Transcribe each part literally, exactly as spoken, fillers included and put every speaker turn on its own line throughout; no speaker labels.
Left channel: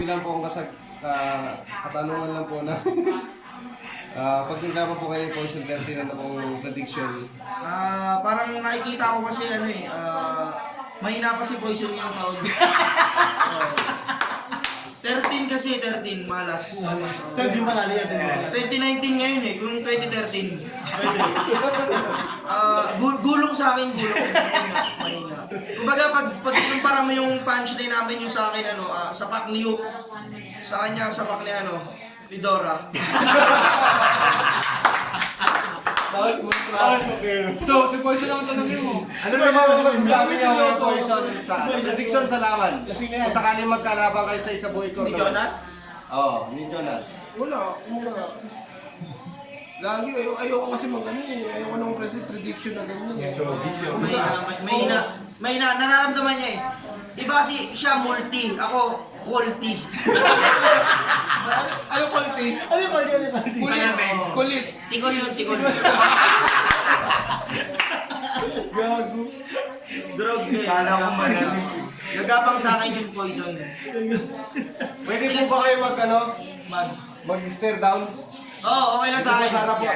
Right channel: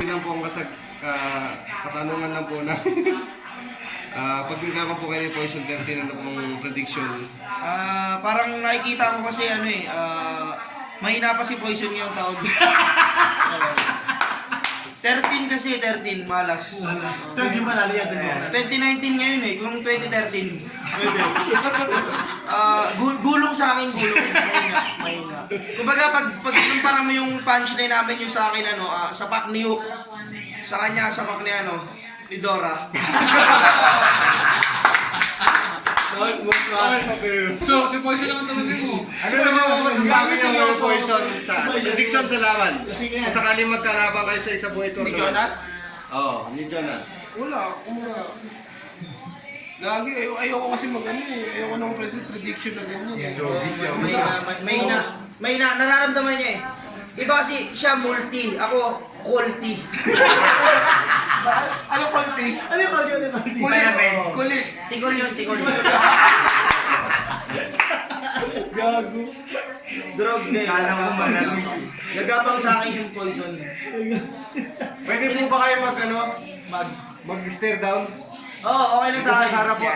lang po ang kasag, uh, katanungan lang po na. uh, pag nagkaka po kayo ng Poison thirteen, ano pong prediction?
Ah, parang nakikita ko kasi ano eh, ah, mahina pa si Poison ngayong taon. Oh. thirteen kasi, thirteen, malas.
thirteen man natin yan.
twenty nineteen ngayon eh, kung twenty thirteen. Ah, gu- gulong sa akin, gulong. Mahina, mahina. Kumbaga, pag, pag kumpara mo yung punchline namin yung sa akin, ano, ah, sapak ni Hook. Sa kanya, sapak ni ano, ni Dora.
So, si Poison naman talaga mo.
Ano naman ang masasabi niyo ng Poison sa prediction sa laban?
Kasi nga yan.
Kung sakali magkalaban kayo sa isa buhay tournament.
Ni Jonas?
Oo, ni Jonas.
Wala, wala. Lagi, ayaw, ayoko kasi mag ano eh. Ayoko nang pred- prediction na ganyan.
Mahina, mahina, mahina, nararamdaman niya eh. Iba kasi siya multi, ako quality.
Ano konti?
Ano yung body? Ano yung body?
Kulit. Kulit.
Tigol yun, tigol.
Gago.
Drog eh. Kala ko man. Nagapang sa akin yung Poison.
Pwede po ba kayo mag ano? Mag mag-stare down?
Oo, oh, okay lang sa
Sa
akin.
Sara po.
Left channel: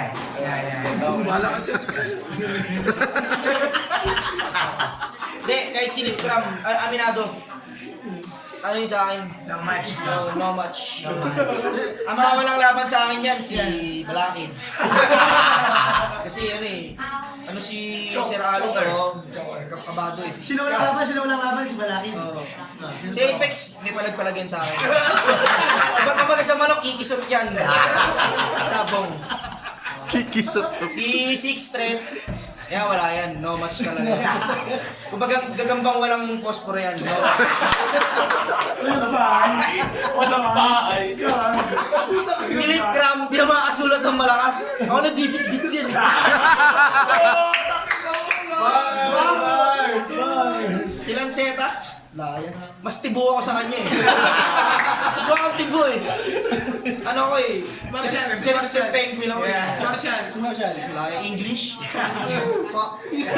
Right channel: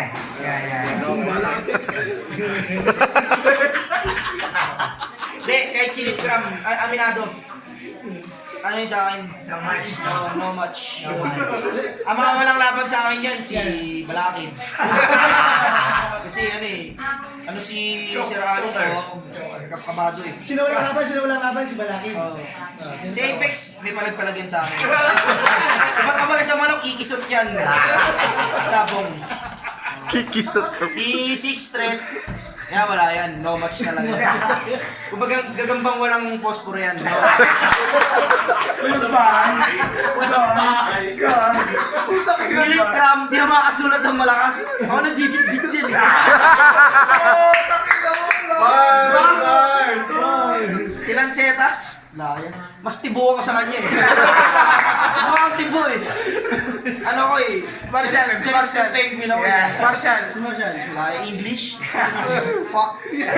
Hindi, kahit si Litram, ah, aminado. Ano yun sa akin? No match. No, no match. No match. Ang mga walang laban sa akin yan, si Balakid. Kasi ano eh, ano si Sir Ano, oh, kabado eh.
Sino walang laban? Sino walang laban? Si Balakid.
Oo. Si Apex, may palagpalagyan sa akin. Ba't kapag sa manok, kikisot yan. Sabong.
Kikisot.
Si Six Threat, kaya wala yan, no match talaga. Kumbaga gagambang walang posporo yan. No?
Walang bahay. Walang bahay.
Si Litram, di na makasulat ng malakas. Ako nagbibit-bit dyan.
Mars!
Si Lanceta, layan. Mas tibo ako sa kanya eh. Mas makang tibo eh. Ano ko eh.
Martial, si Martial.
Penguin ako.
Martial.
Si Marshall.
Wala, English. Fuck.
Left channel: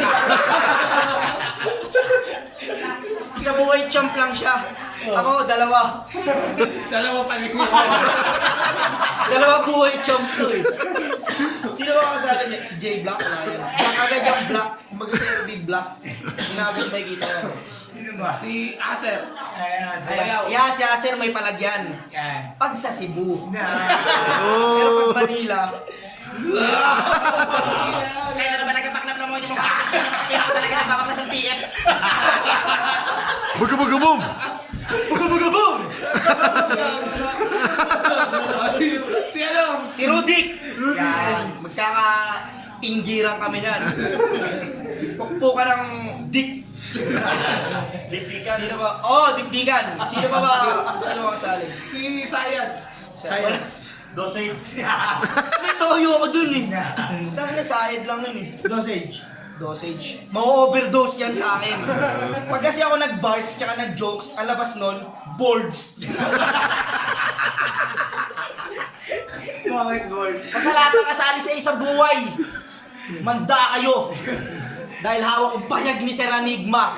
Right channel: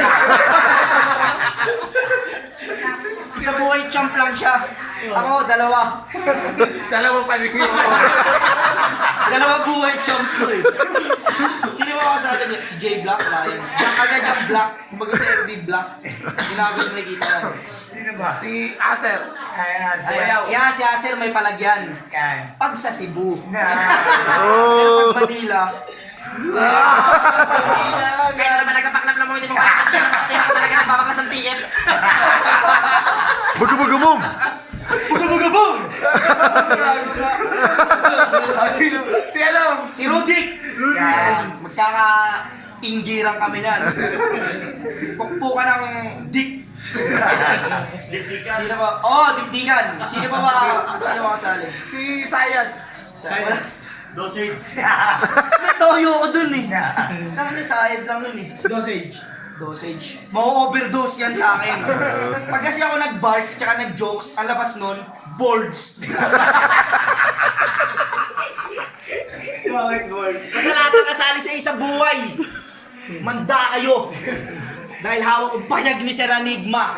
Isang buhay champ lang siya. Ako, dalawa.
Dalawa pa rin.
Dalawa buhay champ ko eh. Sino ako sa akin? Si J Black, Lion. Agad yung Black. Kumbaga si Big Black. Sinabot may kita yan.
Sino ba? Si Acer. Ayan, si
Ayan, yeah, si Acer may palagyan.
Yan.
Pag sa Cebu.
Oh.
Pero pag Manila, kaya na naman nagkapaklap na mo yung mga hindi ako talaga nagpapaklas ng tiyan.
Bagabagabom!
Bugabugabong!
Si ano?
Si Rudik! Yan, magkaka-pinggiran kami yan. Pukpukan ng dick. Sino ba? Oh, dikdikan. Sino ba ba? Sino ba kasali?
Si Sayad.
Sayang.
Dosage.
Toyo ko dun eh. Lang na sayad lang nun eh.
Dosage.
Dosage. Mau-overdose yan sa akin. Pag kasi ako nag-bars tsaka nag-jokes, ang labas nun, boards.
Bakit gold?
Basta lahat ng kasali sa isang buhay. Manda kayo. Dahil hawak ang payag ni Sir Enigma.